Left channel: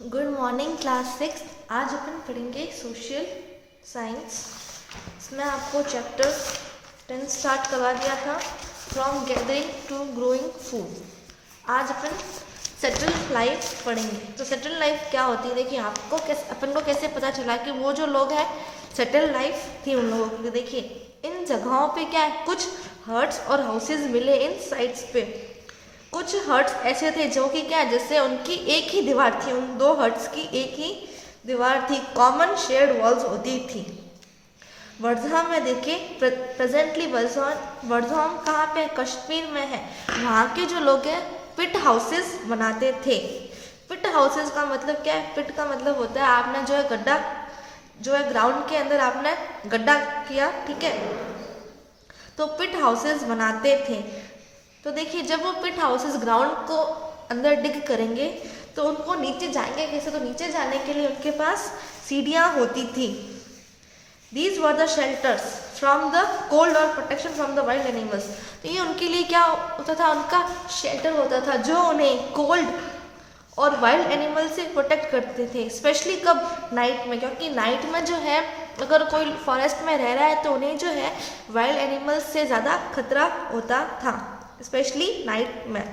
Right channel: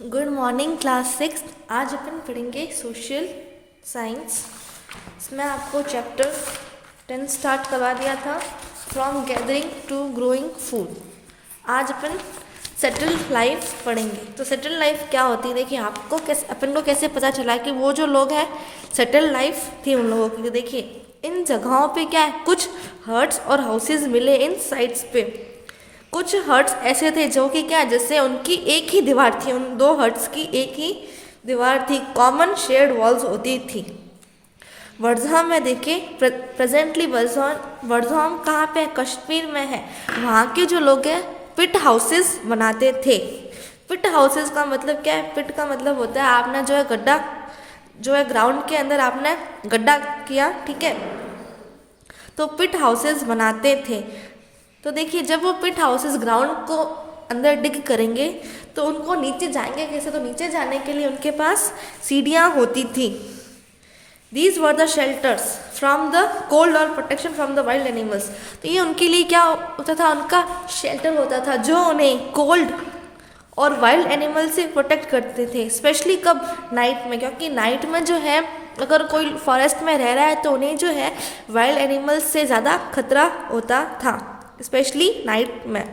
Good morning class 6। आज अपन पढ़ेंगे social science. इसमें आपको चैप्टर 10 स्टार्ट करवा दिया था, from gathering to growing food. आज अपन सेटल लाइफ पढ़ेंगे। तो सेटल लाइफ क्या होती है, देखिए आपको कैसे, अपन को कैसे पता चला कि वो जो लोग हैं सेटल लाइफ थी उन लोगों की। देखिए इन जगहों पे क्या है, कुछ हर्ट्स और हाउसेज मिले इन साइट्स पे। कुछ हर्ट्स ऐसे थे जो कि क्या, जैसे उनकी एक ही दीवार थी, उन दो हर्ट्स की एक ही दीवार थी, कॉमन शेयर्ड वॉल्स होती थी। वर्धमान में देखिए, प्रेजेंटली वर्धमान कहाँ पे है, कश्मीर में है। वहाँ के जो लोग हैं पिट हाउसेस बनाते थे। पिट हाउसेस का मतलब क्या है, पिट का मतलब होता है आपने जो है गड्ढा, जो है ग्राउंड के अंदर आपने गड्ढा किया, ठीक है, तो पिट हाउसेस बनाते थे। तो देखिए जब वो पिट हाउसेस ग्राउंड को अंदर डिग करेंगे तो उनको नीचे जाएंगे कैसे, तो नीचे जाने के लिए उनके पास सीढ़ियाँ होती थी। These were the shelters from the cold और protection from the wild animals. तो ये उनके लिए क्या होता था, उनका शेल्टर होता था जो उन्हें कोल्ड और वाइल्ड एनिमल से प्रोटेक्ट करते थे। स्पेशली कब, नाइट में, क्योंकि नाइट में जो है अगर कोई फॉरेस्ट में रह रहा है तो उन्हें जो है वाइल्ड एनिमल्स से ज़्यादा खतरा होता था, स्पेशली नाइट में।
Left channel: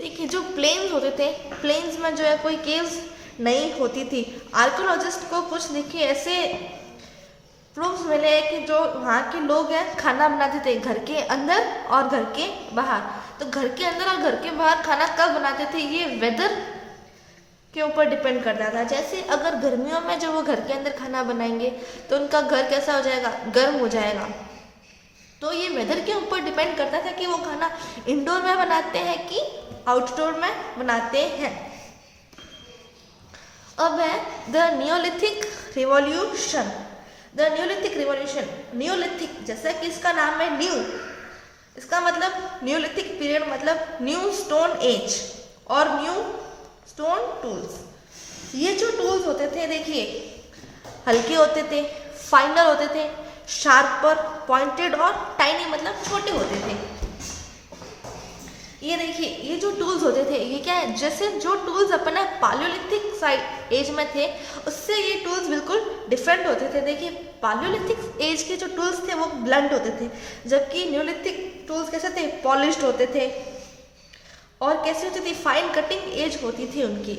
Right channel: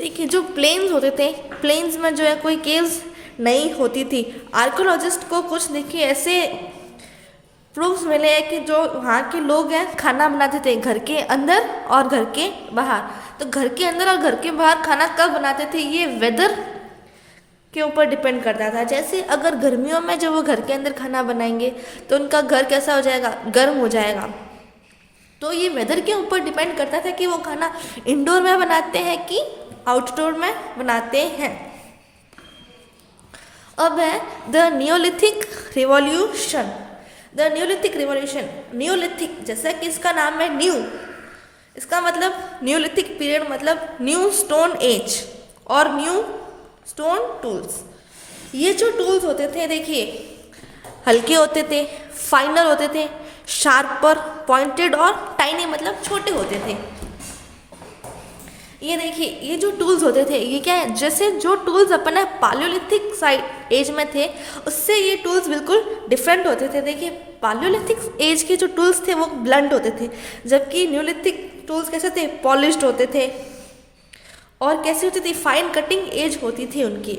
देखिए जो प्लेन्स होते थे, प्लेन्स में जो है कोई केव्स नहीं होती थी। आर्कियोलॉजिस्ट को कुछ देखिए ऐसे प्रूफ्स मिले हैं कि जो वहाँ के लोग हैं खाना बनाते थे घर के अंदर और घर के बाहर। तो घर के अंदर और घर के बाहर खाना कब बनाते थे, ये वेदर के ऊपर डिपेंड करता था। जैसे अगर गर्मियों में जब वो घर के अंदर खाना बनाएंगे तो उनका घर कैसा हो जाएगा, गर्म हो जाएगा। तो ये वेदर के ऊपर डिपेंड करता था कि वो खाना इंडोर में बनाते हैं कि आउटडोर में बनाते हैं। अब है the Neolithic revolution. The Neolithic revolution, Neolithic जैसा कि इसका नाम है न्यू, इसका मतलब नियोलिथिक पीरियड मतलब न्यू स्टोन एज और न्यू स्टोन टूल्स। ये जो टूल्स होते थे देखिए हल्के होते थे, फाइनर होते थे, शार्पर, पॉइंटेड और टाइनी मतलब छोटे होते थे। ये देखिए ये जो टूल्स होते थे ये क्या है, जैसे जो टूल्स अपने पालियोलिथिक साइड एज में थे उससे ये टूल्स बिल्कुल डिफरेंट होते थे। देखिए पालियोलिथिक एज के जो टूल्स थे वो ब्लंट होते थे, जबकि न्यूलिथिक टूल्स कैसे थे, पॉलिश्ड होते थे। और कैसी होती थी, फाइन कटिंग एज होती थी उनकी।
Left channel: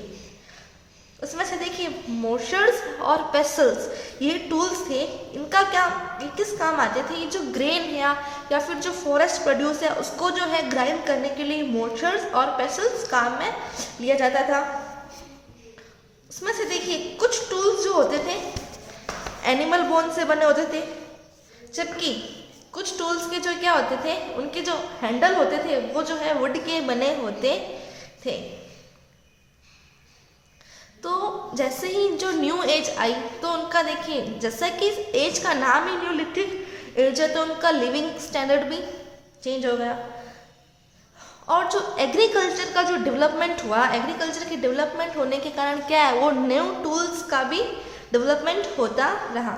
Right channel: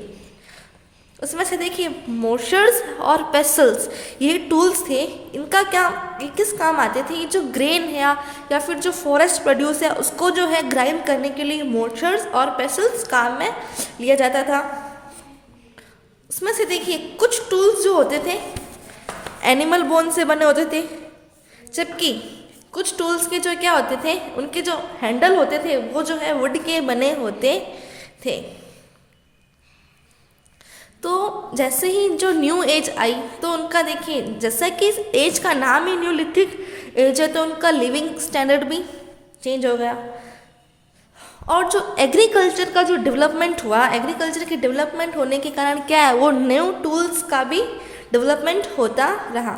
उसमें से देखिए मोशर्स और पेसल्स ये टूल्स थे, इनका क्या, ये किस काम आते थे, ये जो ग्रेन है या फिर जो फॉरेस्ट प्रोड्यूस है उसको जो है ग्राइंड करने के लिए मोशर्स और पेसल्स काम में लिया जाता था। उसमें से देखिए कुछ टूल्स जो होते थे एनिमल बोन से बने होते थे, जबकि कुछ टूल्स के जो क्या होते थे, उनके जो हैंडल होते थे वो जो है वुड के बने होते थे। तो जैसे ही जो न्यू एज आई तो उनका देखिए जैसा कि इस एज का नाम ही न्यूलिथिक एज है तो उनका लिविंग स्टैंडर्ड भी चेंज हो गया। और जो एग्रीकल्चर का जो डेवलपमेंट हुआ, एग्रीकल्चर के डेवलपमेंट होने के कारण क्या है, वो न्यू टूल्स का भी डेवलपमेंट होता रहा।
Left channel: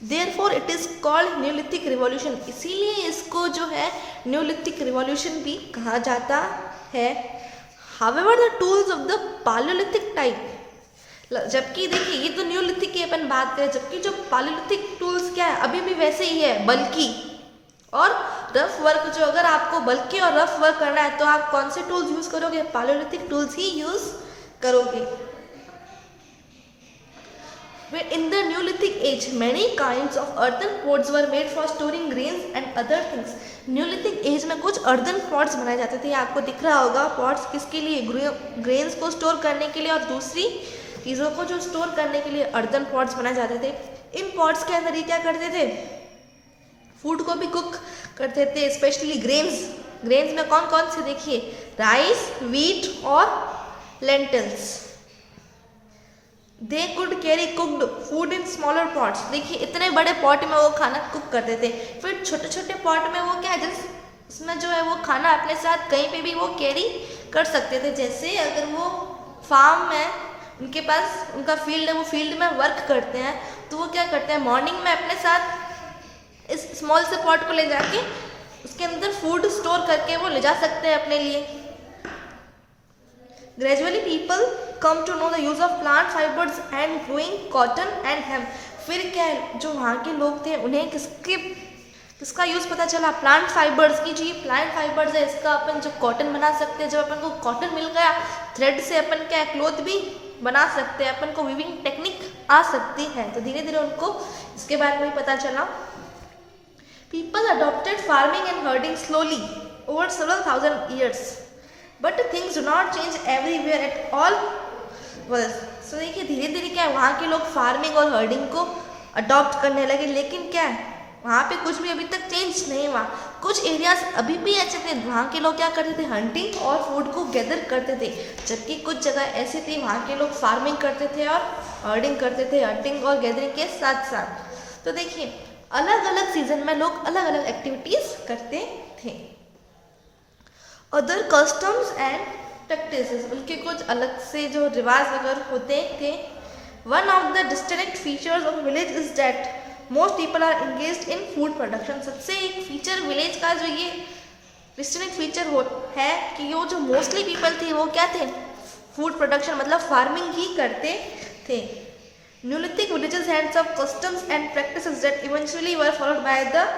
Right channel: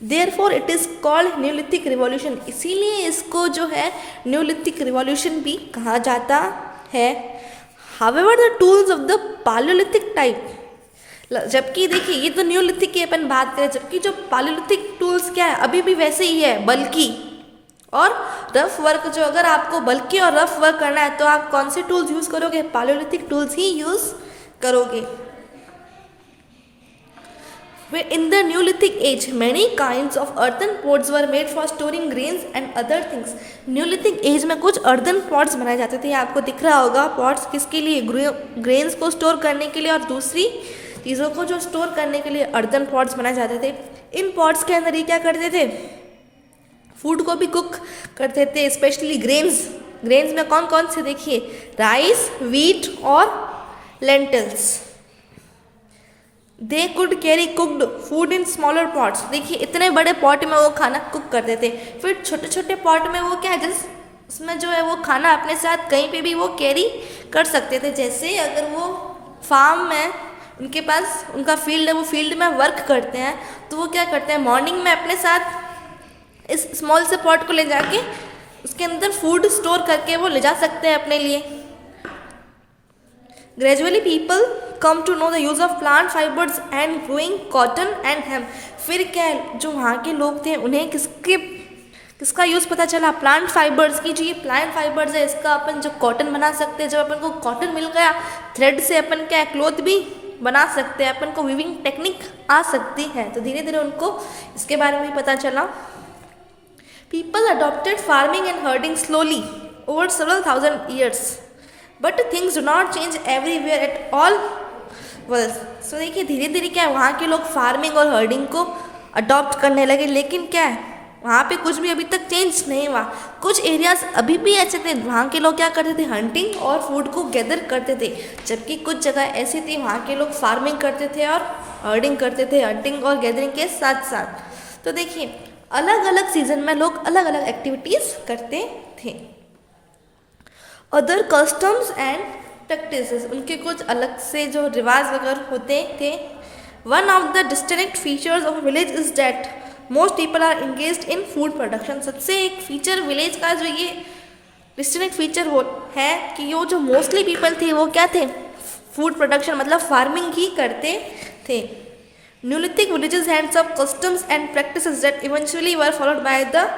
Therefore it is called Neolithic revolution, इसीलिए इसको जो है न्यूलिथिक रिवॉल्यूशन भी कहा जाता है। However the tools of the palaeolithic type, जबकि देखिए ये तो न्यूलिथिक की अपन बात करें, जबकि जो पालियोलिथिक टूल्स क्या है अभी भी वैसे ही है, बल्कि और रफ वर्क। जो अगर आपको बल्कि और रफ वर्क करना है तो आप कौन से टूल्स यूज करोगे, पालियोलिथिक टूल्स ही यूज करोगे। In the Neolithic age, many kinds of earthen pots were made for storing grains and other things. Neolithic age में कुछ earthen pots बनाए जाते थे, आपको दिख रहा होगा pots किसके लिए, ग्रेन्स को स्टोर करने के लिए और दूसरी चीज़ों को जो स्टोर करने के लिए earthen pots बनाए जाते थे। इन pots के अंदर ये क्या करते थे, फूड को भी कुक करते थे, स्पेशली ग्रेन्स। ग्रेन्स में कौन कौन से देखिए, राइस, व्हीट और lentils. They could carry cooked food in smaller pots, देखिए इतने बड़े पॉट में वो खाना कुक करते थे। फिर छोटे छोटे पॉट में वो क्या है, उसमें जो है वो खाना अपने साथ कहीं पे भी वो कैरी कर सकते थे। जैसे अगर वो फार्म में उनके पास उनका फील्ड है, वो फील्ड में वर्क करते हैं तो वो क्या करते हैं, मॉर्निंग में अपने साथ इस स्मॉल से पॉट को ले जाके उसके अंदर फूड स्टोर करके वो ले जा सकते हैं अपने लिए। Gradually, people come to know the use of plant fibers and growing cotton and hemp. फिर क्या है, जो वहाँ के लोग थे उन्हें किसका यूज़ पता चला, प्लांट फाइबर्स की। जो ये प्लांट फाइबर्स है इसका अपन जो कॉटन बना सकते हैं, जब अपन को कॉटन मिल गया, थ्रेड से अपन क्या है क्लोथ भी बना सकते हैं, अपन को वीविंग टेक्निक आ सकती है। तो धीरे धीरे उनको इसके बारे में पता चला। People adopted farming and herding slowly over several thousand years, but things do not change everywhere at all worlds. So देखिए धीरे धीरे क्या है, वहाँ के लोग फार्मिंग और हर्डिंग को अडॉप्ट करने लगे, लेकिन क्या है वहाँ पे कुछ भी अभी तक चेंज नहीं हुआ। कुछ एरियाज अभी भी ऐसे थे, वहाँ के लोग क्या करते थे, हंटिंग और फूड को गैदर करते थे, जबकि कुछ जगह ऐसी थी वहाँ के लोग फार्मिंग करते थे और हर्डिंग करते थे, हंटिंग और गैदरिंग के साथ साथ। तो देखिए अलग अलग सीजन में लोग अलग अलग एक्टिविटीज़ करते थे। अदर कस्टम्स एंड प्रैक्टिसेस, उनके कुछ अलग से जो रिवाज वगैरह होते थे। One of the distinct features of village is that most people are engaged in food production. सबसे एक फीचर विलेज का जो ये डिस्टिंक्ट फीचर है कि वो जो मोस्टली पीपल थे वो क्या थे, फूड प्रोडक्शन मतलब फार्मिंग ही करते थे। Neolithic villages had some customs and practices that eventually were followed by the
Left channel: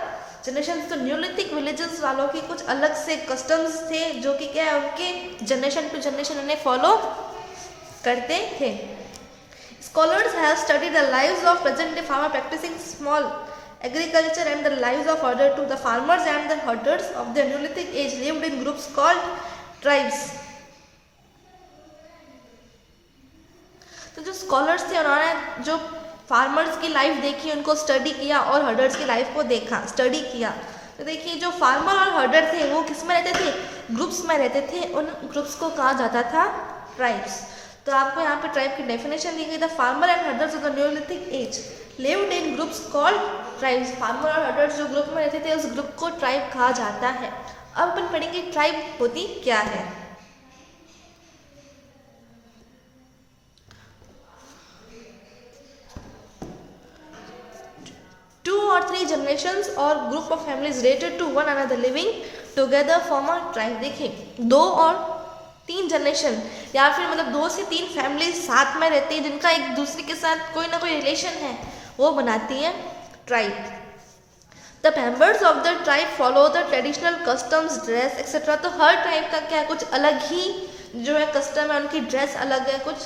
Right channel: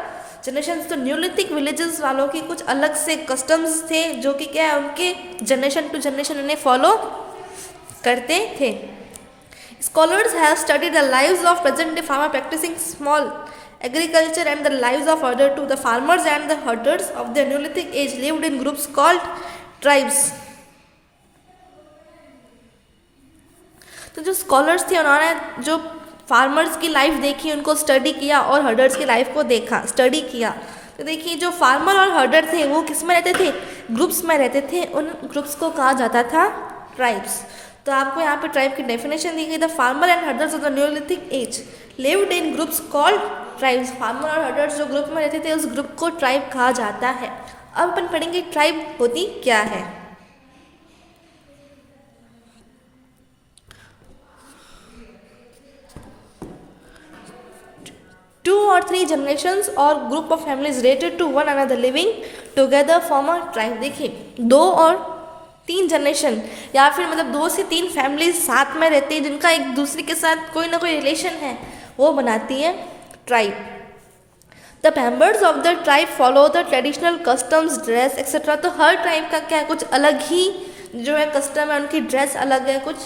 generation. तो न्यूलिथिक विलेजेस वालों के कुछ अलग से कस्टम्स थे जो कि क्या है उनके जनरेशन टू जनरेशन उन्हें फॉलो करते थे। Scholars have studied the lives of present-day farmers practicing small agriculture and the lives of other two. The farmers and the herders of the Neolithic age lived in groups called tribes. तो जो scholars थे उन्होंने जो farmers की life देखी, उनको study किया और हर्डर्स की लाइफ को देखा, स्टडी किया। तो देखिए जो फार्मर और हर्डर थे वो किस में रहते थे, ग्रुप्स में रहते थे। उन ग्रुप्स को कहा जाता था ट्राइब्स। तो आपको यहाँ पे ट्राइब की डेफिनेशन दी गई, the farmer and herders of the neolithic age lived in groups called tribes. Farmer और हर्डर्स जो ग्रुप में रहते थे उस ग्रुप को ट्राइब कहा जाता है। अब अपन पढ़ेंगे ट्राइब होती क्या है। Two or three generations or group of families related to one another living together form a tribe। देखिए 2 और 3 जनरेशन या फिर मतलब 2 से 3 फैमिलीज साथ में रहती हैं जिनका एक दूसरे के साथ कोई ना कोई रिलेशन है, वो बनाती है tribe. The members of the tribe follow the traditional customs, dress etcetera. तो हर ट्राइब का क्या है, कुछ अलग ही जो है कस्टम है, उनकी ड्रेस अलग है कुछ।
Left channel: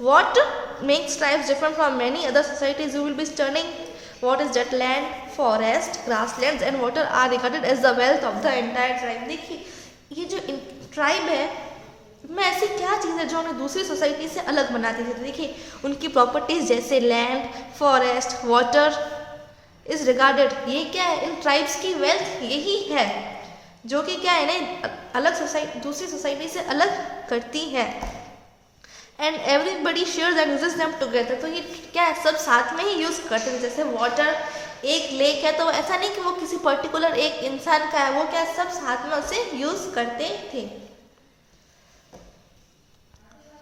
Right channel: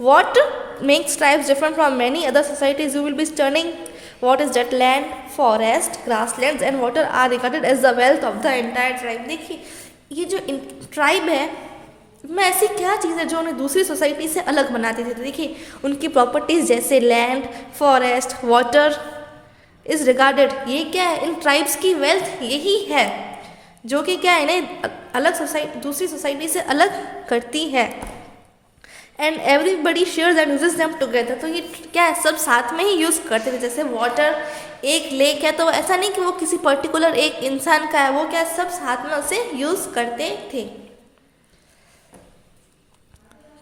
What makes tribes different from many other societies, you will be studying what is that land, forest, grasslands and water are regarded as the wealth of the entire tribe। देखिए ये जो tribe है में ऐसी क्या चीज़ है जो उन्हें दूसरी सोसाइटी से अलग बनाती थी। तो देखिए उनकी प्रॉपर्टीज़ जैसे land, forest, water is regarded, ये क्या है, इन ट्राइब्स की वेल्थ यही है जो कि क्या है इन्हें अलग सोसाइटी दूसरी सोसाइटी से अलग करती है। And everybody shares and uses them together. तो ये क्या है, सब साथ में ही यूज़ करते थे। जैसे वाटर, एक लेक है तो ऐसा नहीं कि वो किसी पर्टिकुलर एक इंसान का है, वो क्या सब साथ में उसे यूज़ करते थे।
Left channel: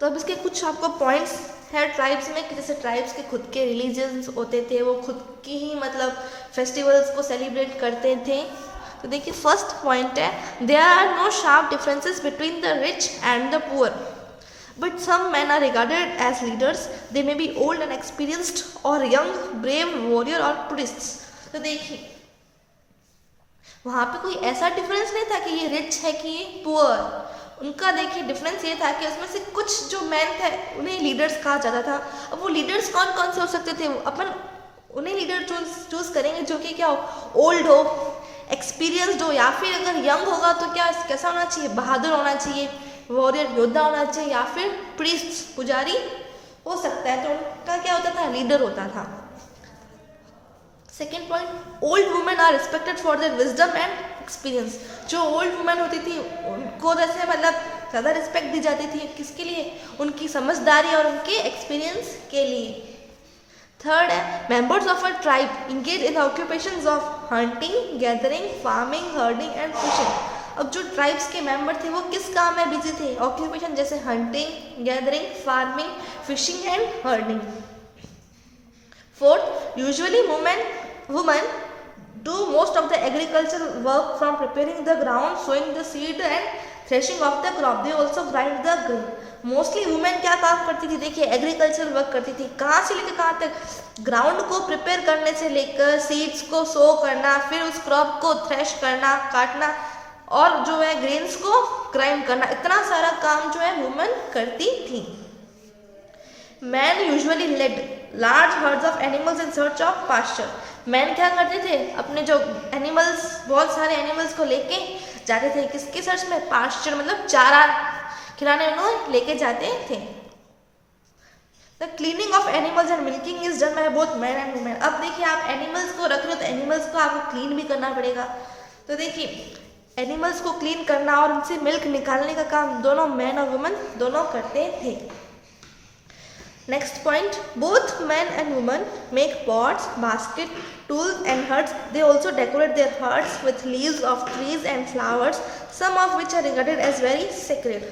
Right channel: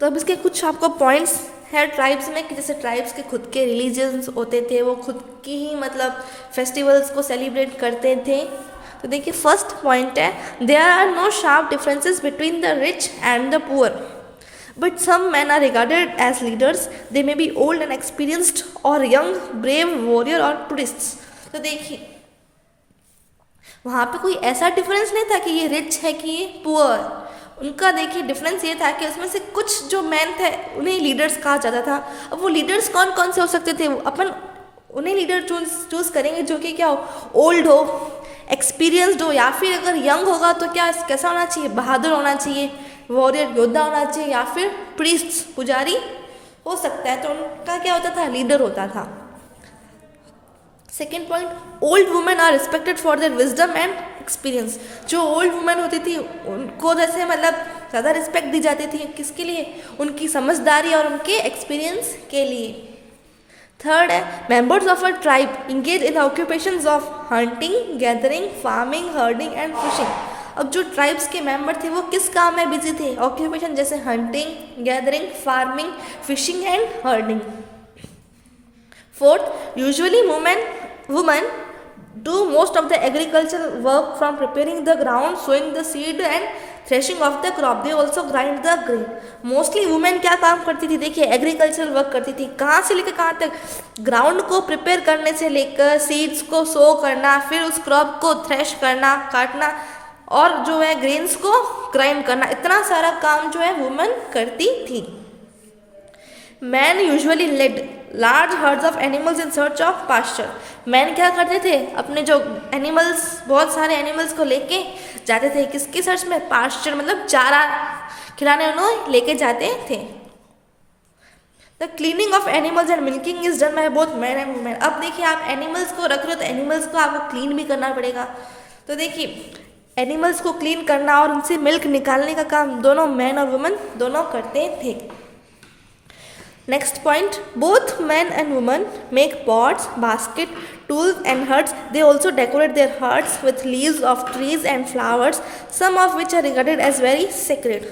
तो अब इसके कुछ आपको पॉइंट्स है ट्राइब्स में कि जैसे ट्राइब्स के खुद के रिलीजियंस होते थे, वो खुद की ही मतलब फेस्टिवल्स को सेलिब्रेट करते थे। तो देखिए फर्स्ट पॉइंट है, there are no sharp differences between the rich and the poor, but some men are regarded as leaders. They may be old and experienced or young, brave, warrior or priests। तो देखिए वहाँ पे कोई ऐसा difference नहीं था कि ये रिच है कि ये पुअर। उनका देखिए डिफरेंस ये था कि उसमें से कुछ जो मैन थे उन्हें लीडर्स कहा जाता था। अब वो लीडर्स कौन कौन से हो सकते थे, वो अपन उन्हें लीडर चूज़ करेंगे जो कि क्या हो, ओल्ड हो, एक्सपीरियंसड हो, या फिर अगर यंग होगा तो क्या कैसा होना चाहिए, बहादुर होना चाहिए, वॉरियर योद्धा होना चाहिए, या फिर प्रीस्ट पुजारी हो सकता है। तो उनका क्या होता था, लीडर होता था। Second point, old women are respected for their wisdom and experience. जो ओल्ड वुमेन होती थी उनको जैसे मतलब ज़्यादा रिस्पेक्ट दी जाती थी, किसके लिए, उनकी समझदारी और उनके एक्सपीरियंस के लिए। थर्ड है, members of a tribe engage in occupations of hunting, gathering, farming, herding and fishing. अब जो ट्राइब्स के मेंबर थे वो किस काम में बिजी थे, ऑक्यूपेशन जैसे hunting, gathering, farming, fishing and herding. Fourth, usually women do most of the agriculture work from preparing the ground, sowing the seed and threshing of the crop, they also grind the grain. Mostly women क्या काम करती थी, देखिए agriculture work करती थी। कहाँ से लेकर कहाँ तक, ग्राउंड को प्रिपेयर करने से लेकर सीड्स को सो करना, फिर उस क्रॉप को थ्रेश करना, काटना, और जो है ग्रेन्स को ग्राइंड करना, इतना सारा काम जो है वुमेन करती थी। Men usually led large herds of animals in search of pasture. Men क्या करते थे, अपने जो एनिमल्स, बहुत सारे एनिमल्स को लेके जाते थे, किसकी सर्च में, पास्चर मतलब चारा खिलाने उन्हें लेके जाते थे। The cleaning of animals and milking is done by both man and women. अब देखिए आप एनिमल्स को रख रहे हो तो एनिमल्स को आपको क्लीन भी करना पड़ेगा। तो देखिए एनिमल्स को क्लीन करना और उनसे मिल्क निकालने का काम दोनों मैन और वुमेन दोनों करते थे। Next point, both man and women make pots, basket, tools and huts. They also decorate their huts with leaves of trees and flowers, some of which are regarded as very sacred.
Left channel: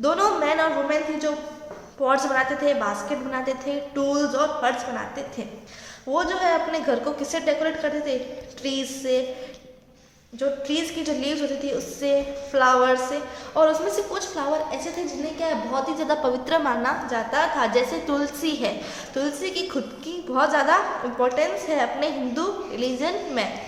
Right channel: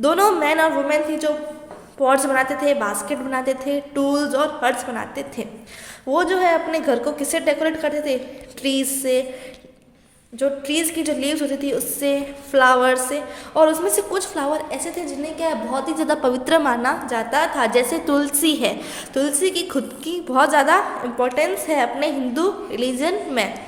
दोनों man और women थी जो pots बनाते थे, basket बनाते थे, tools और huts बनाते थे। वो जो है अपने घर को किससे डेकोरेट करते थे, ट्रीज से, जो ट्रीज़ की जो लीव्स होती थी उससे, फ्लावर से, और उसमें से कुछ फ्लावर ऐसे थे जिन्हें क्या है बहुत ही ज़्यादा पवित्र माना जाता था, जैसे तुलसी है। तुलसी की खुद की बहुत ज़्यादा इम्पोर्टेंस है अपने हिंदू रिलीजन में।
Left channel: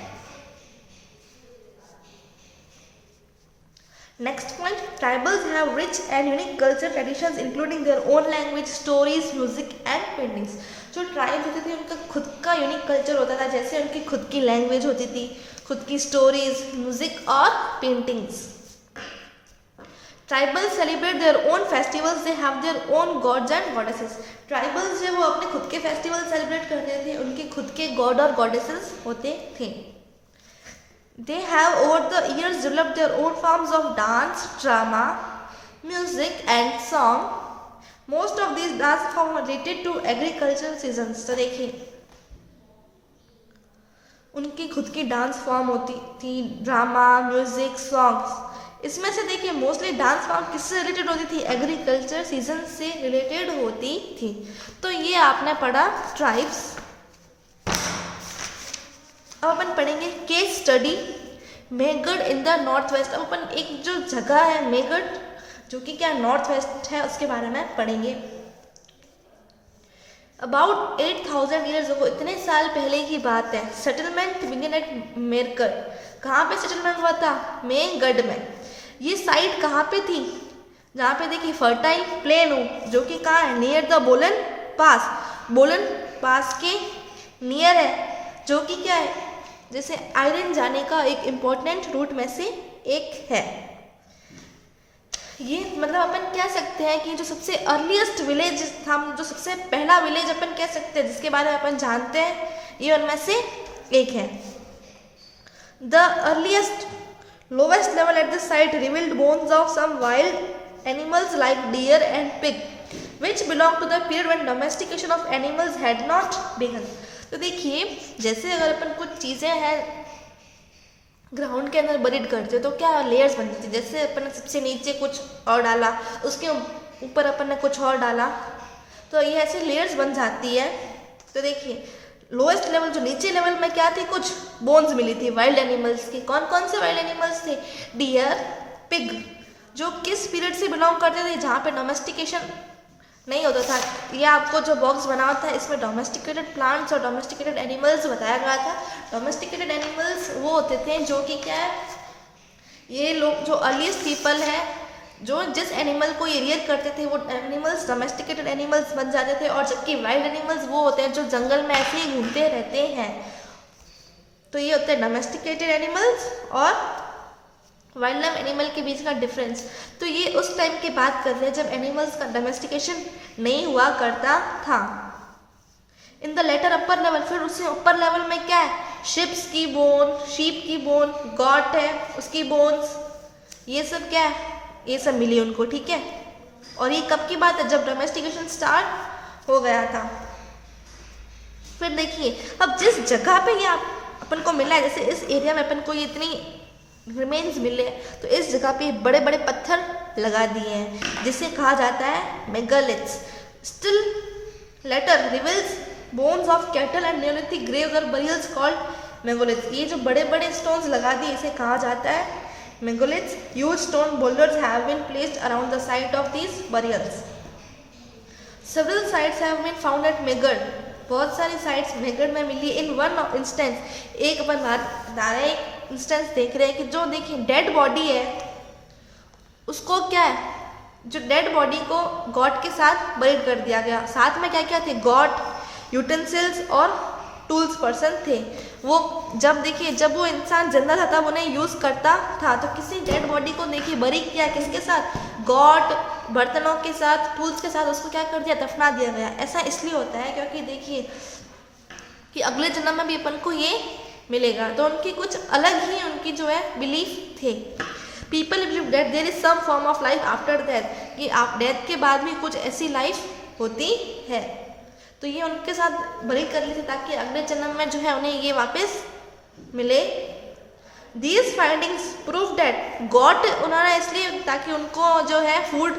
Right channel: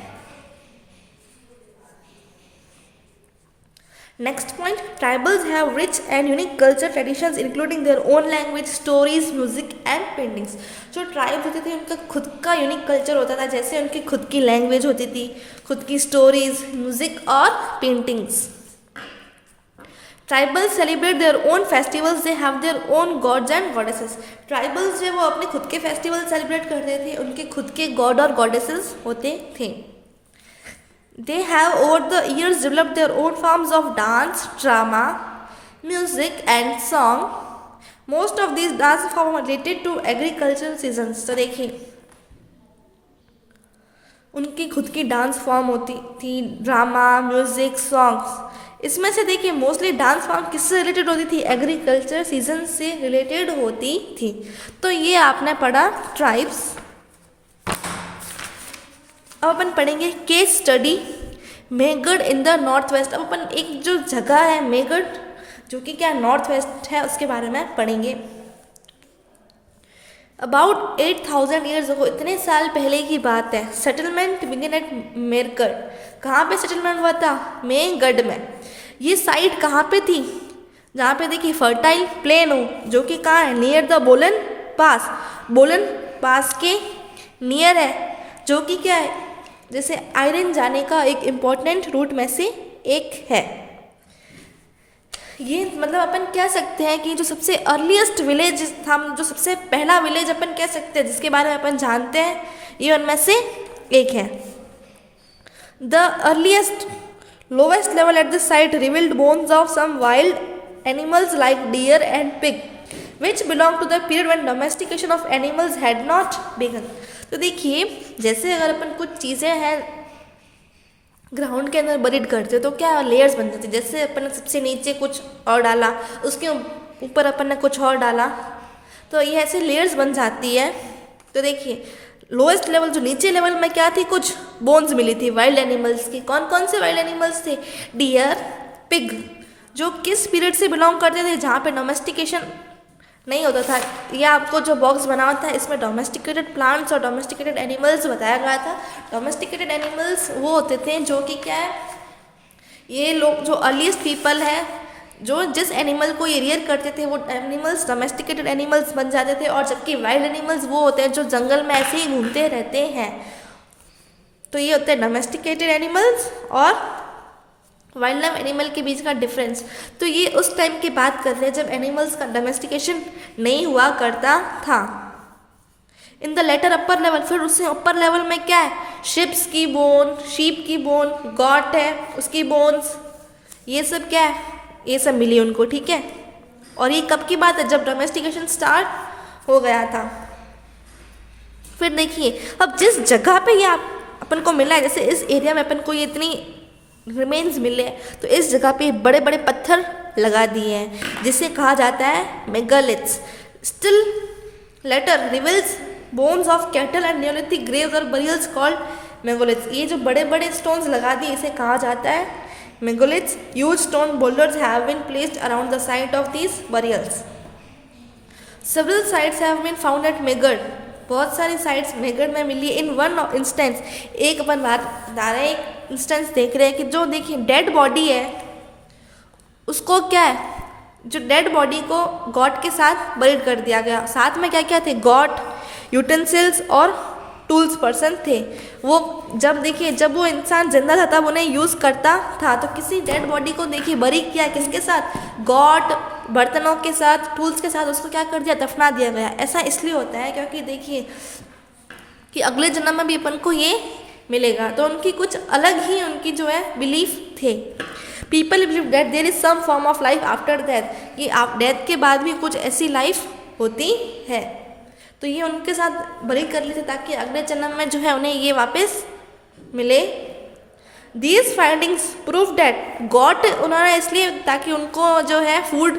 Next point, tribals have rich and unique culture traditions including their own language, stories, music and paintings. जो ट्राइब्स होते थे उनका खुद का यूनिक कल्चर होता था, जैसे उनकी खुद की लैंग्वेज होती थी, खुद की स्टोरीज, म्यूजिक और paintings. Tribals celebrate their own festivals, they have their own gods and goddesses. Tribals जो वो अपने खुद के फेस्टिवल सेलिब्रेट करते थे, उनके खुद के गॉड और गॉडेसेस होते थे। They have over the years developed their own forms of dance, drama, music and song. Most of these dance forms are related to agricultural seasons. तो देखिए उनकी खुद की डांस फॉर्म होती थी, ड्रामा, म्यूजिक, सॉन्ग्स। इसमें से देखिए मोस्टली डांस फॉर्म किससे रिलेटेड होती थी, एग्रीकल्चर सीजन से रिलेटेड होती थी। तो ये आपने पढ़ा ट्राइब्स। अब अपन पढ़ेंगे case study Mehrgarh in the north west. अब अपन एक जो जगह है मेहगढ़ जो कि क्या नॉर्थ वेस्ट है उसके बारे में पढ़ेंगे। अबाउट 8000 ईयर्स अगो, इतने साल पहले की बात है, सेटलमेंट बिगिन एट मेरकर। कहाँ पे सेटलमेंट हुआ था, मेहगढ़ में। ये साइट कहाँ पे थी, जहाँ पे देखिए फर्टाइल प्लेन हो, जो कि कहाँ है, नियर द बोलन पास। बोलन पास के नियर है, जो कि क्या है, जैसे आयरन जाने का एक इम्पॉर्टेंट रूट में से एक है। ये मतलब अपन कह सकते हैं कि जो सबसे अर्लीस्ट विलेज था, जो सबसे पहला विलेज अपन कह सकते हैं जिसके बारे में अपन जानते हैं, ये उनमें से एक है। The earliest lowest level at the site revealed bones of some wild animals like deer and pig which belong to the period when domestication of animals had not begun. तो देखिए जैसे अगर अपन कुछ चीज़ें हैं ग्राउंड के अंदर बरीड करते तो क्या लेयर्स बन जाती, जैसे अपन ने सबसे नीचे कुछ और डाला, उसके ऊपर अपन ने कुछ और डाला, तो ये ऐसे लेयर्स बन जाती है। तो देखिए लोएस्ट लेवल, जो नीचे लेवल में क्या थी, कुछ बोन्स मिली थी वाइल्ड एनिमल्स की। कौन कौन से वाइल्ड एनिमल्स थे, डियर, पिग, जो किस पीरियड से बिलोंग करते थे, जहाँ पे डोमेस्टिकेशन नहीं होता था। ये आपको जो बॉक्स बना हुआ था इसमें डोमेस्टिकेटेड प्लांट्स और डोमेस्टिकेटेड एनिमल्स बताया गया था। डोमेस्टिकेटेड एनिमल्स वो होते थे जो कि क्या है, ये लोग जो अर्लीस्ट पीपल है, जो जिस एनिमल को ये रियर करते थे वो एनिमल्स डोमेस्टिकेटेड एनिमल्स बन जाते थे। और जबकि वाइल्ड एनिमल्स वो होते हैं जो जंगल में ऐसे ही घूमते रहते हैं। तो ये होते हैं डोमेस्टिकेटेड एनिमल्स और वाइल्ड लाइफ एनिमल के बीच का डिफरेंस। तो ये उस टाइम की बात कर रहे हैं जब एनिमल्स का डोमेस्टिकेशन नहीं हुआ करता था। In the later upper level, फिर उससे ऊपर लेवल में क्या है, शिप्स की बोन, शीप की बोन, गॉट है उसकी बोन्स, ये सब क्या है, ये सब मिली उनको, ठीक है। और ये कब की बात है, जब डोमेस्टिकेशन स्टार्ट हो गया था। फिर देखिए अब जिस जगह पे ये अपन को मिला है, जैसे इस एरिया में अपन को ये इतनी रिमेन्स मिले, तो इस जगह पे बड़े बड़े पत्थर लगा दिए हैं जिसे कहा जाता है megaliths. Still later reveals bones of cattle and neolithic graves और बरियल्स कॉल्ड मेगालिथ्स। ये जो बड़े बड़े स्टोन्स लगा दिए इसे कहा जाता है megaliths, huge stone boulders have been placed around the site of these burials. Several sites have been found at Megged. बहुत सारी साइट्स मेगढ़ में मिली. इन वन इंस्टेंस, एक अपन एक इंस्टेंस देख रहे हैं कि जो देखिए डेड बॉडी है उसको क्या है, जो डेड बॉडी को गॉड के साथ बरीड कर दिया गया. साथ में क्या क्या थे, गॉड, यूटेंसिल्स और टूल्स पर्सन थे. वो जब देखिए जब वो इंसान जिंदा था तब उन्हें यूज़ करता था, तो किसी डेड बॉडी को देखिए बरी किया किसके साथ, गॉड, बर्तनों के साथ, टूल्स के साथ उसको क्या कर दिया, दफना दिया गया. ऐसा इसलिए होता है क्योंकि देखिए कि अगले जन्म में भी अपन को ये मिलेगा. तो उनकी कुछ अलग ही उनकी जो है बिलीफ थे. People believe that there is some form of life after death, कि आप डेथ के बाद भी कुछ ऐसी लाइफ होती है. तो ये उनके साथ बरी कर लेते ताकि अगले जन्म में जो है उन्हें ये वापस मिले. These findings prove that God, उन्होंने इसलिए ताकि उनको जो है फूड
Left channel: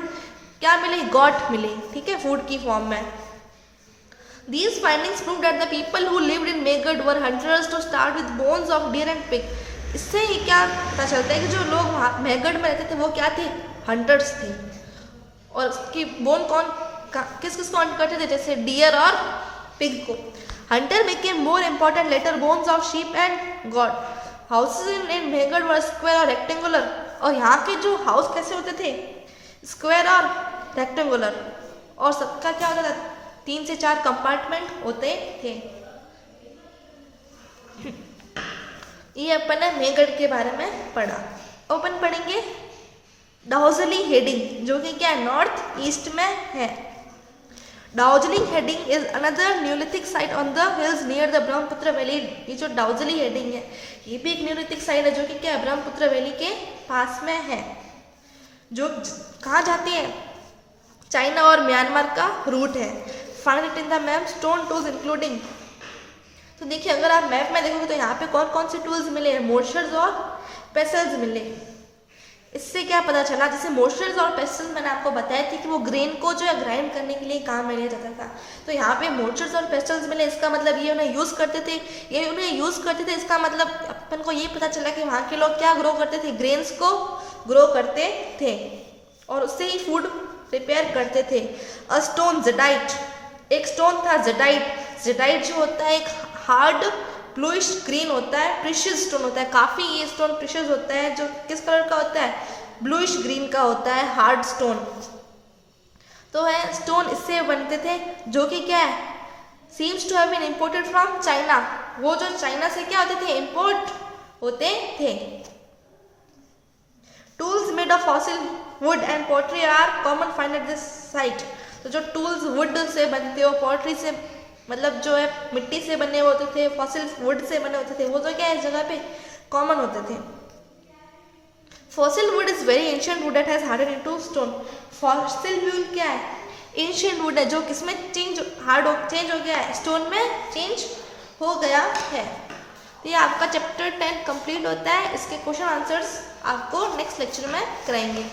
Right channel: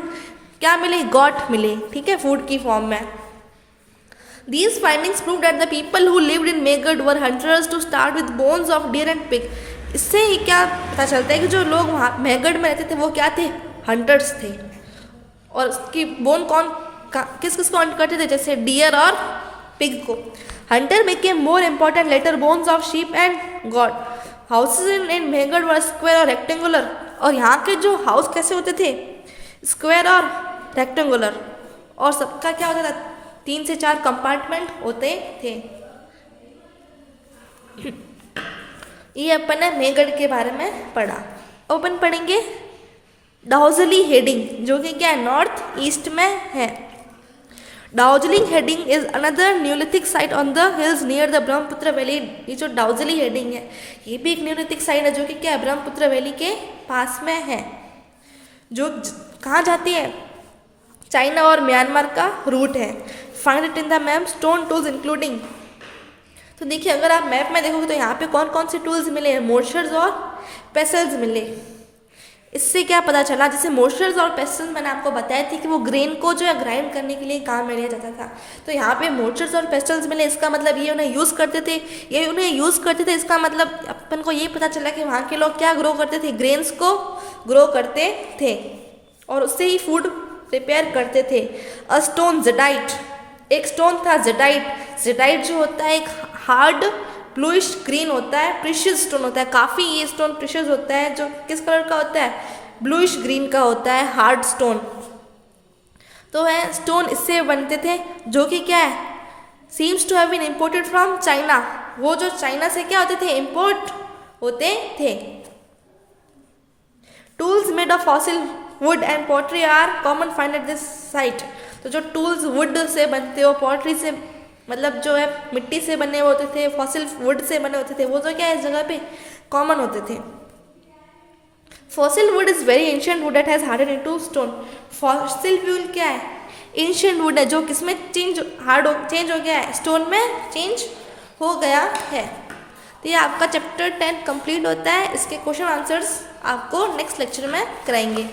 क्या मिले, गॉड मिले, ठीक है, फूड की फॉर्म में. These findings prove that the people who lived in Mehrgarh were hunters to start with bones of deer and pig. इससे ही क्या पता चलता है कि जो लोग वहाँ मेगढ़ में रहते थे वो क्या थे, हंटर्स थे. और उसकी बोन कौन किस किस को हंट करते थे, जैसे डियर और पिग को. Hunter became more important later bones of sheep and goat. Houses in Mehrgarh were square और रेक्टेंगुलर. और यहाँ के जो हाउस कैसे होते थे, स्क्वायर और रेक्टेंगुलर. और सबका क्या होता था, 3 से 4 कंपार्टमेंट होते थे. ये अपन ने मेगढ़ के बारे में पढ़ा. अपन पढ़ेंगे डाउजली हेडिंग, जो कि क्या है, नॉर्थ ईस्ट में है. Daojali Hading is another neolithic site on the hills near the Brahmaputra valley. ये जो डाउजली हेडिंग है ये भी एक न्यूलिथिक साइट है जो कि क्या है, ब्रह्मपुत्र वैली के पास में है. जो कहाँ जाती है, चाइना और म्यांमार का रूट है. Find it in the map. Stone tools including. तो देखिए अगर आप मैप में देखोगे तो यहाँ पे कौन कौन से टूल्स मिले हैं, मोर्शर्स और पेसल्स मिले. इससे क्या पता चला, जैसे मोर्शर्स और पेसल्स मैंने आपको बताया थी कि वो ग्रेन को जो है ग्राइंड करने के लिए काम में लिया जाता था. तो यहाँ पे मोर्शर्स और पेसल्स मिले, इसका मतलब ये उन्हें यूज़ करते थे, इसका मतलब अपन को ये पता चला कि वहाँ के लोग क्या ग्रो करते थे, ग्रेन्स को ग्रो करते थे और उससे ही फूड प्रिपेयर करते थे. अ स्टोन जेडाइट, एक स्टोन था जेडाइट. जेडाइट जो होता है एक हार्ड ब्लूइश ग्रीन होता है, प्रीशियस स्टोन होता है. काफ़ी ये स्टोन प्रीशियस होता है, जो किस कलर का होता है, ब्लूइश ग्रीन का होता है, हार्ड स्टोन. तो है स्टोन इससे बनते थे, जो कि क्या है, seems to have been imported from China. वो जो चाइना से क्या होते थे, इम्पोर्ट होते थे. Tools made of fossil wood and pottery are common find at this site. तो जो टूल्स वुड से बनते हो, पॉटरी से मतलब जो है मिट्टी से बने होते थे, फॉसिल वुड से बने होते थे, वो तो क्या है इस जगह पे कॉमन होते थे. Fossil would is very ancient would that has harden into stone. Fossil would क्या है, एंशिएंट वुड है जो किसमें चेंज हो गया है, स्टोन में चेंज हो गया है. तो ये आपका चैप्टर 10 कंप्लीट होता है. इसके क्वेश्चन आंसर्स आपको नेक्स्ट लेक्चर में कराएंगे.